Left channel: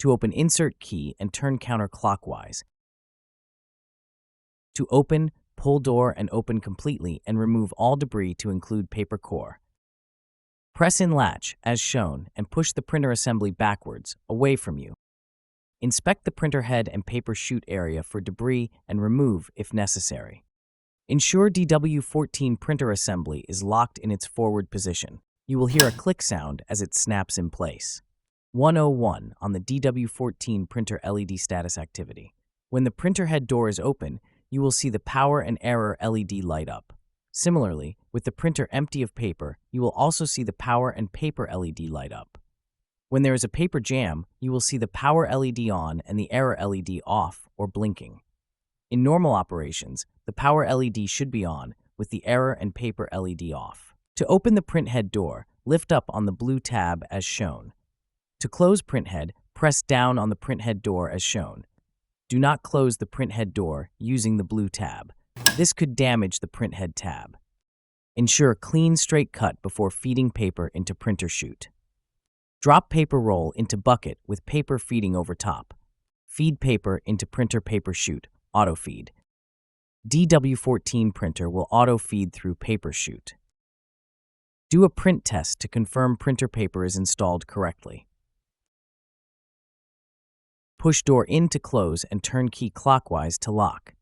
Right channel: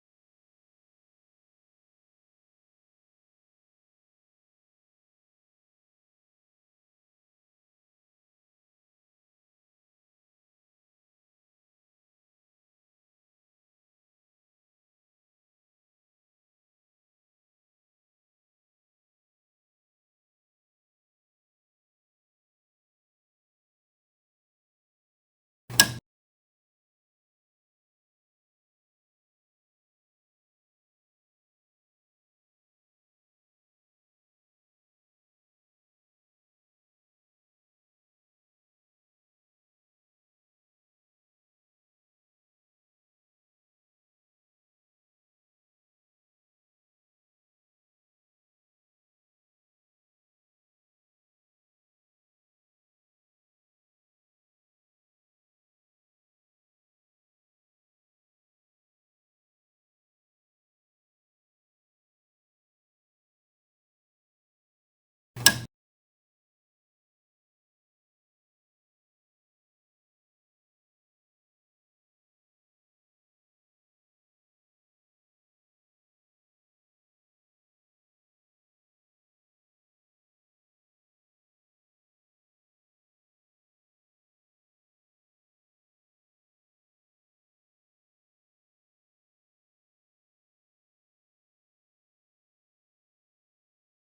To open, insert key and turn counterclockwise. To open, pull door and open completely and remove all debris to include paper core. Press in latch, as shown, and push the printer assembly backwards, away from you. Inspect the printer head and paper chute area for debris and remove if necessary. Ensure DW14 printer assembly is locked in its forward position. You will hear a click sound as it snaps in place. 101 on the DW14 printer LED status activity. When the printer head door is open, you will see the power and error LED light up. Similarly, with the printer empty of paper, you will also see the power and paper LED light up. When there is a paper jam, you will see the power LED on and the error LED off or blinking. In normal operations, the power LED should be on, with the error and paper LED off. To open the print head door, lift up on the blue tab as shown. To close print head, press down on the print head door as shown. Do not close the print head door using the blue tab. This could damage the print head tab. Ensure a clean, straight cut before feeding paper into printer chute. Drop paper roll into bucket with paper feeding over top. Feed paper into printer paper chute, auto feed. DW14 printer will auto feed through paper chute. Do a print test to confirm printer paper is installed correctly. Push door in to close and turn key clockwise to lock.